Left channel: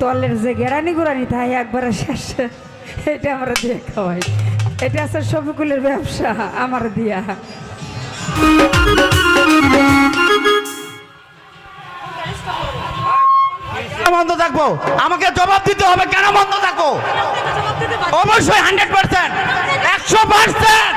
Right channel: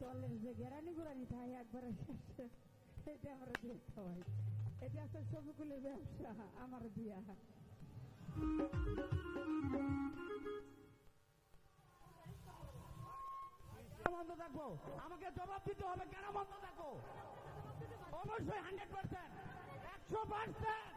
তলের যে গেরানি গুড়ানি তাই একবারে শেষ। এটা আমরা দিয়ে খাওয়াই। এটা আছে শফিকুলের ব্যবসা আমার দিয়া। আমাকে জবাব দিতে হবে কেন বন্ধ থাকব? অবশ্যই হান্ড্রেড পার্সেন্ট একশো পার্সেন্ট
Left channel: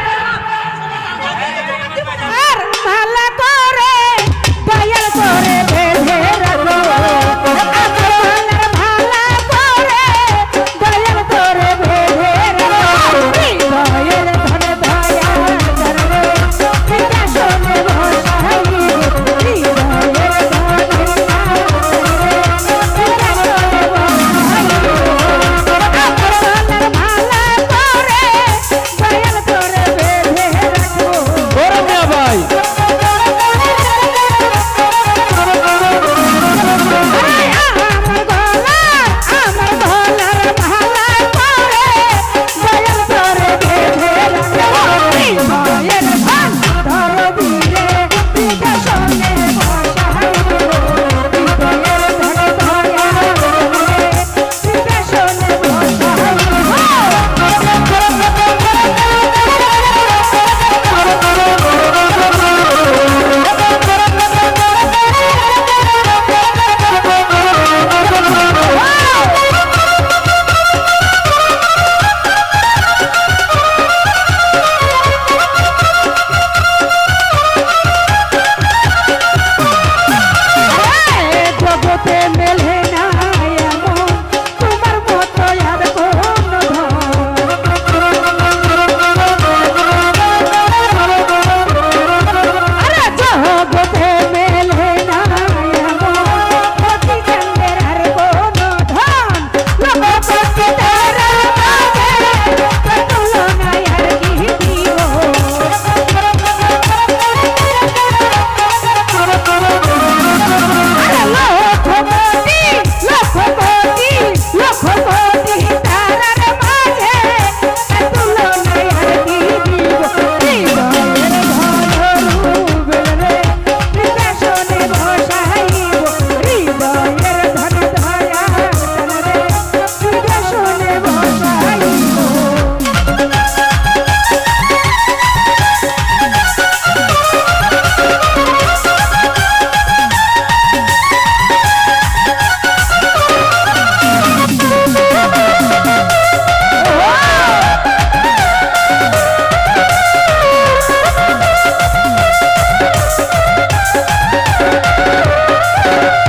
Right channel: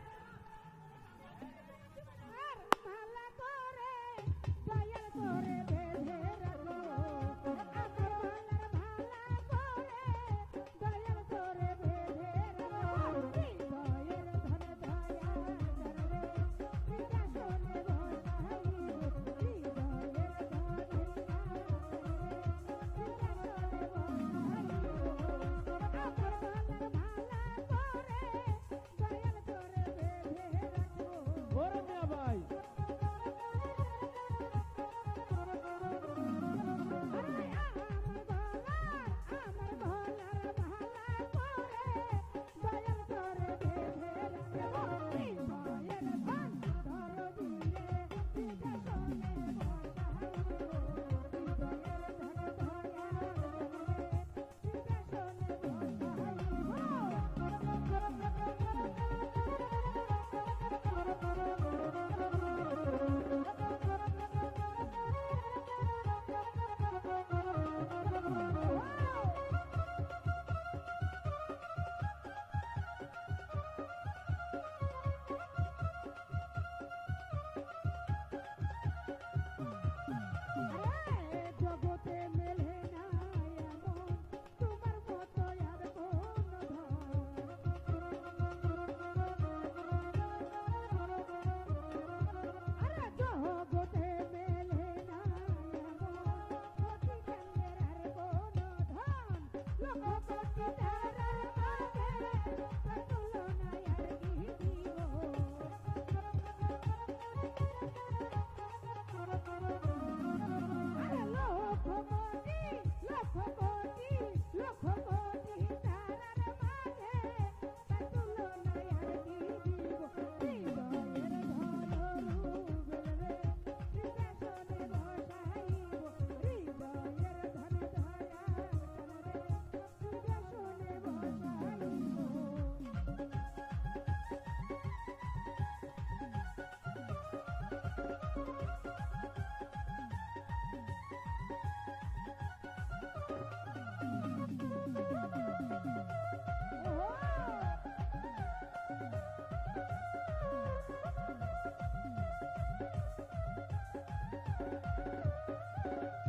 Música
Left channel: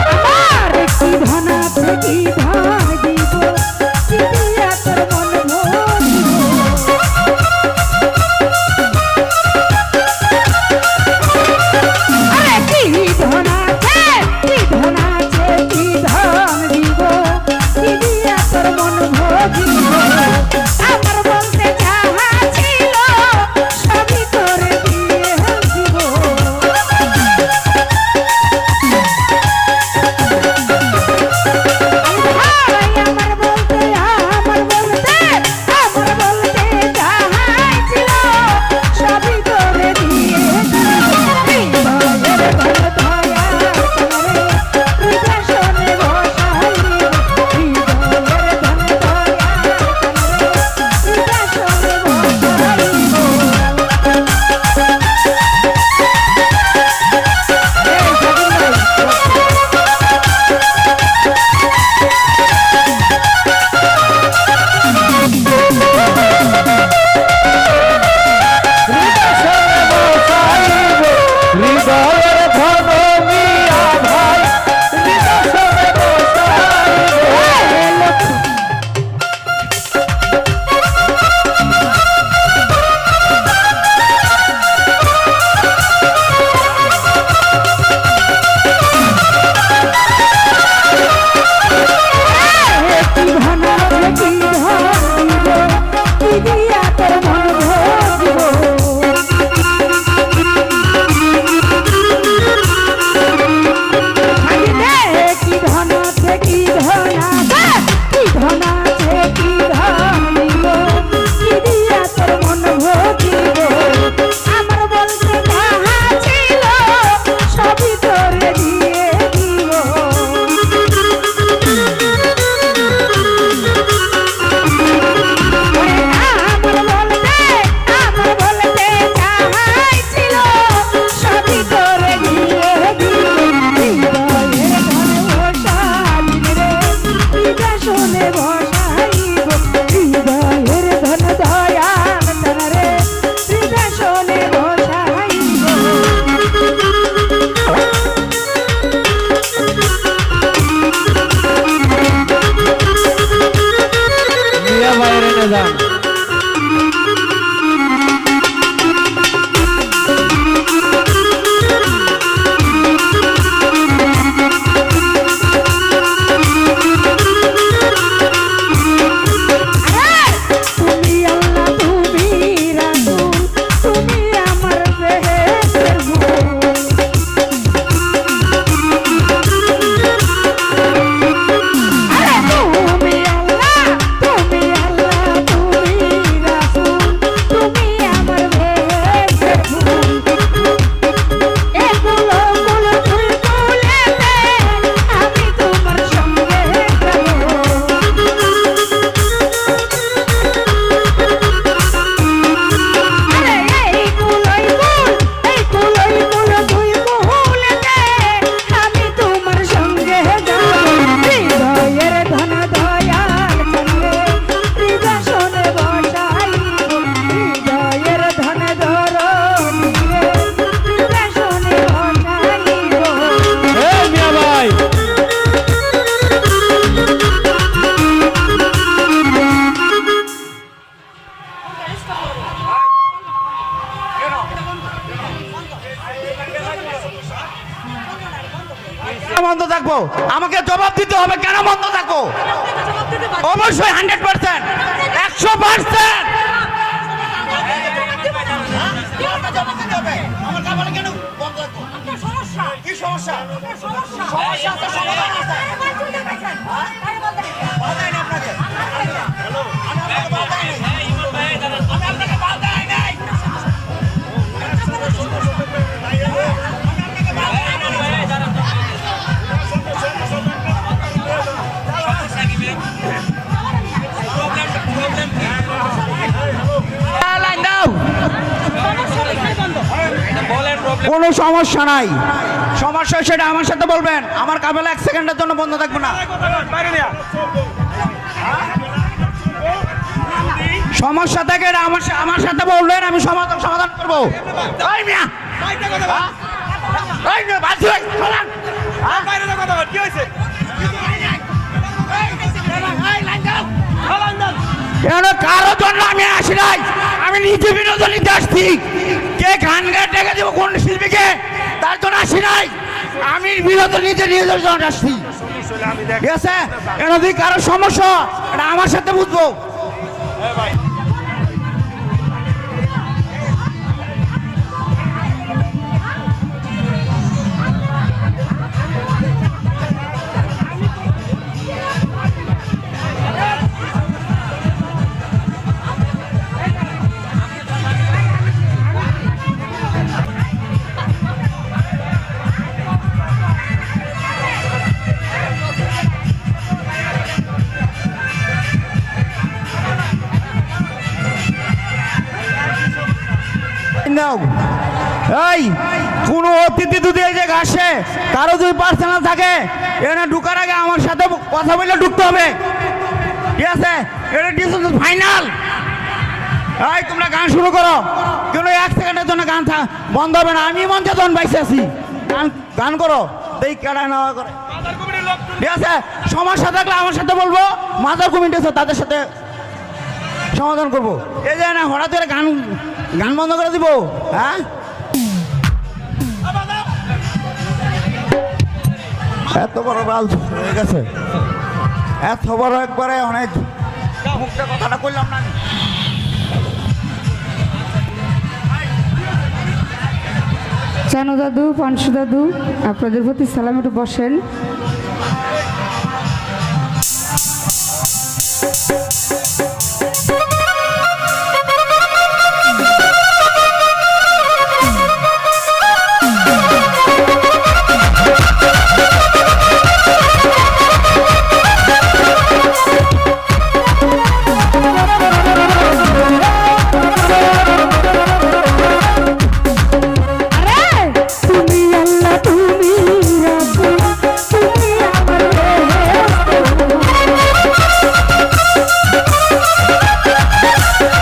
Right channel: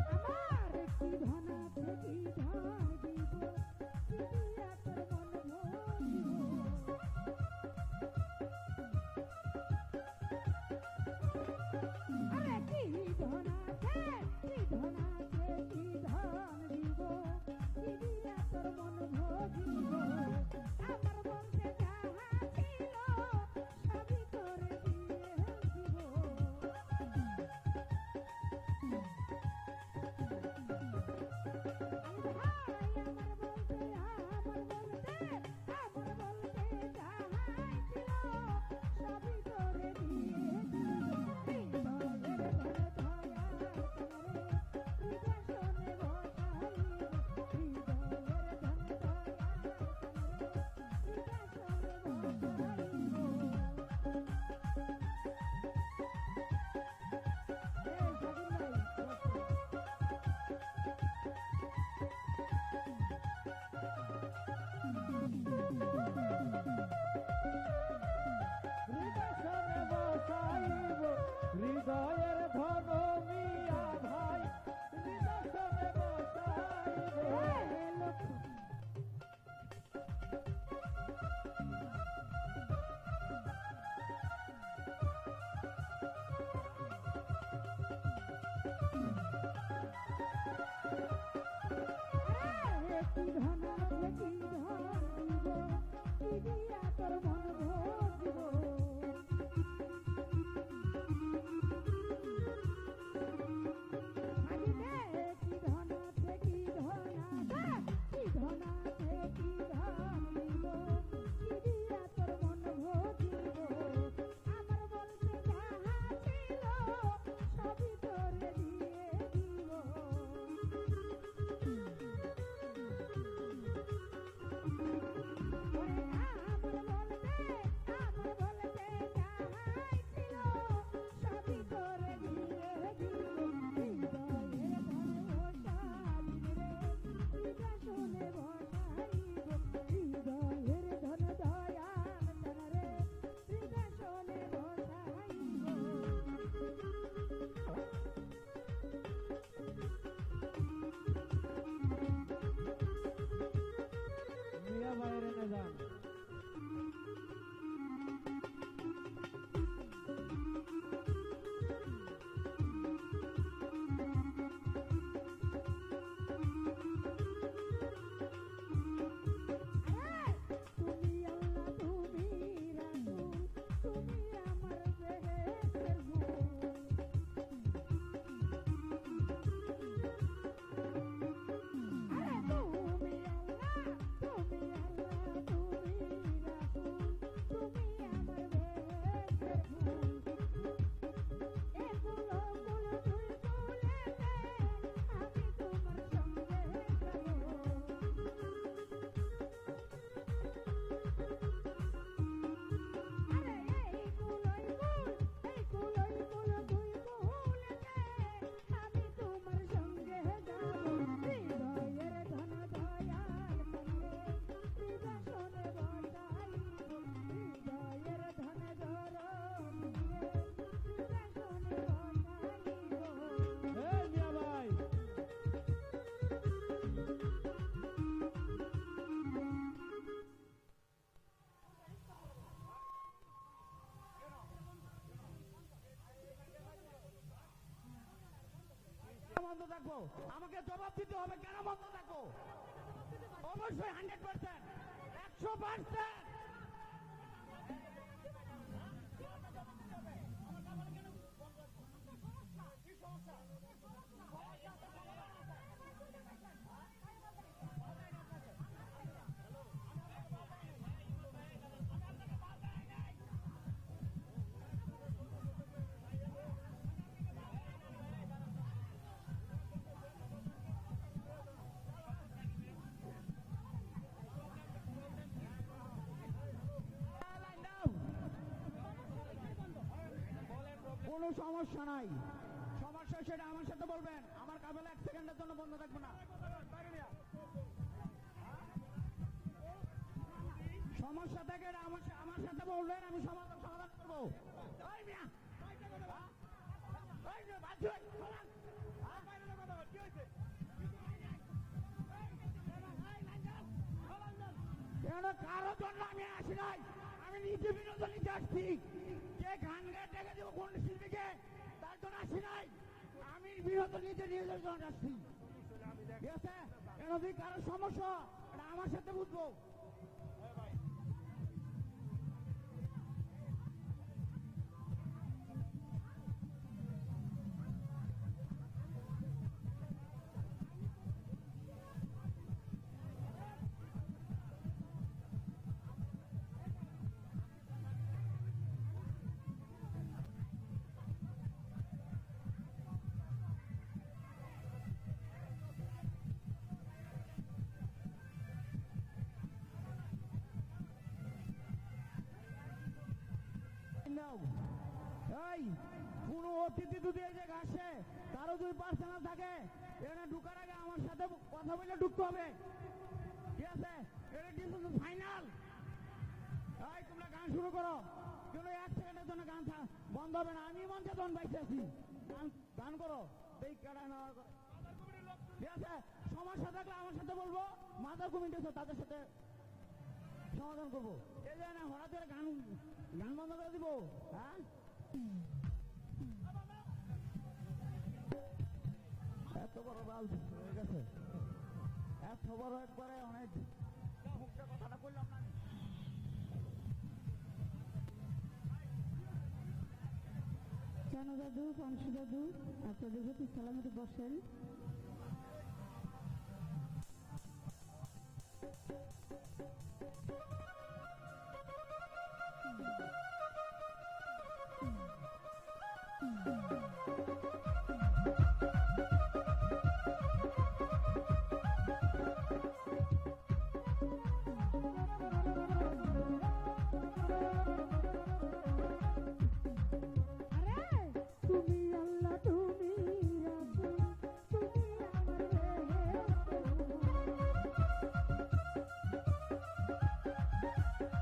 দাদা বন্ধ থাকো অবশ্যই হান্ড্রেড পার্সেন্ট একশো পার্সেন্ট লাইন সমস্যা নাই। সমস্যা সেটা আমার সাথে বলবেন। আমার কাবেলা এক সেকেন্ডের জন্য বন্ধ থাকবে না। সমস্যা থাকে আমার আমার সাথে বলবেন, আমি সমাধান সমাধান করব। হ্যাঁ? কেন কারও জন্য আমি আসি নাই? আমি নিজে বিনোদন নিতে আসছি কে গান গায়ে ডেকে দেবো কোন শিল্পীকে? তার জন্য আসি নাই। আমি বিরত নিজে নিজের জন্য আসছি ঠিক আছে? যদি কারও সমস্যা এটা আমার সাথে বুঝব। নাও এই, কোন অতিথি যদি এই আসে কারও যদি পার্সোনাল থাকে, এখানে ঢুকার আগে আমার সাথে কথা বলে ঢুকতে হবে। ঠিক আছে? এটা ডিসিশন ফাইনাল এই, তোমরা গান শুরু করো। কিন্তু এক সেকেন্ডের জন্য গান বন্ধ হবে না? আমি মঞ্চে তখন বাইসে আছি, গান গান করো। এই কেডা নেওয়া করে। ঠিক আছে? সমস্যা থাকলে আমার সাথে বলব মাদার কমিটি আছে, তাদের সাথে সমাধান করব। এই যে না, হঠাৎ করে গান গান বন্ধ করে দিব হ্যাঁ? এত বড় বাল হয়ে গেছে। এত বড় একবারে অনেক কথাটা করলাম না। চানু দাদু, পানসু দাদু, আপনাদের প্রতি সালাম একটু বসেন। Oh,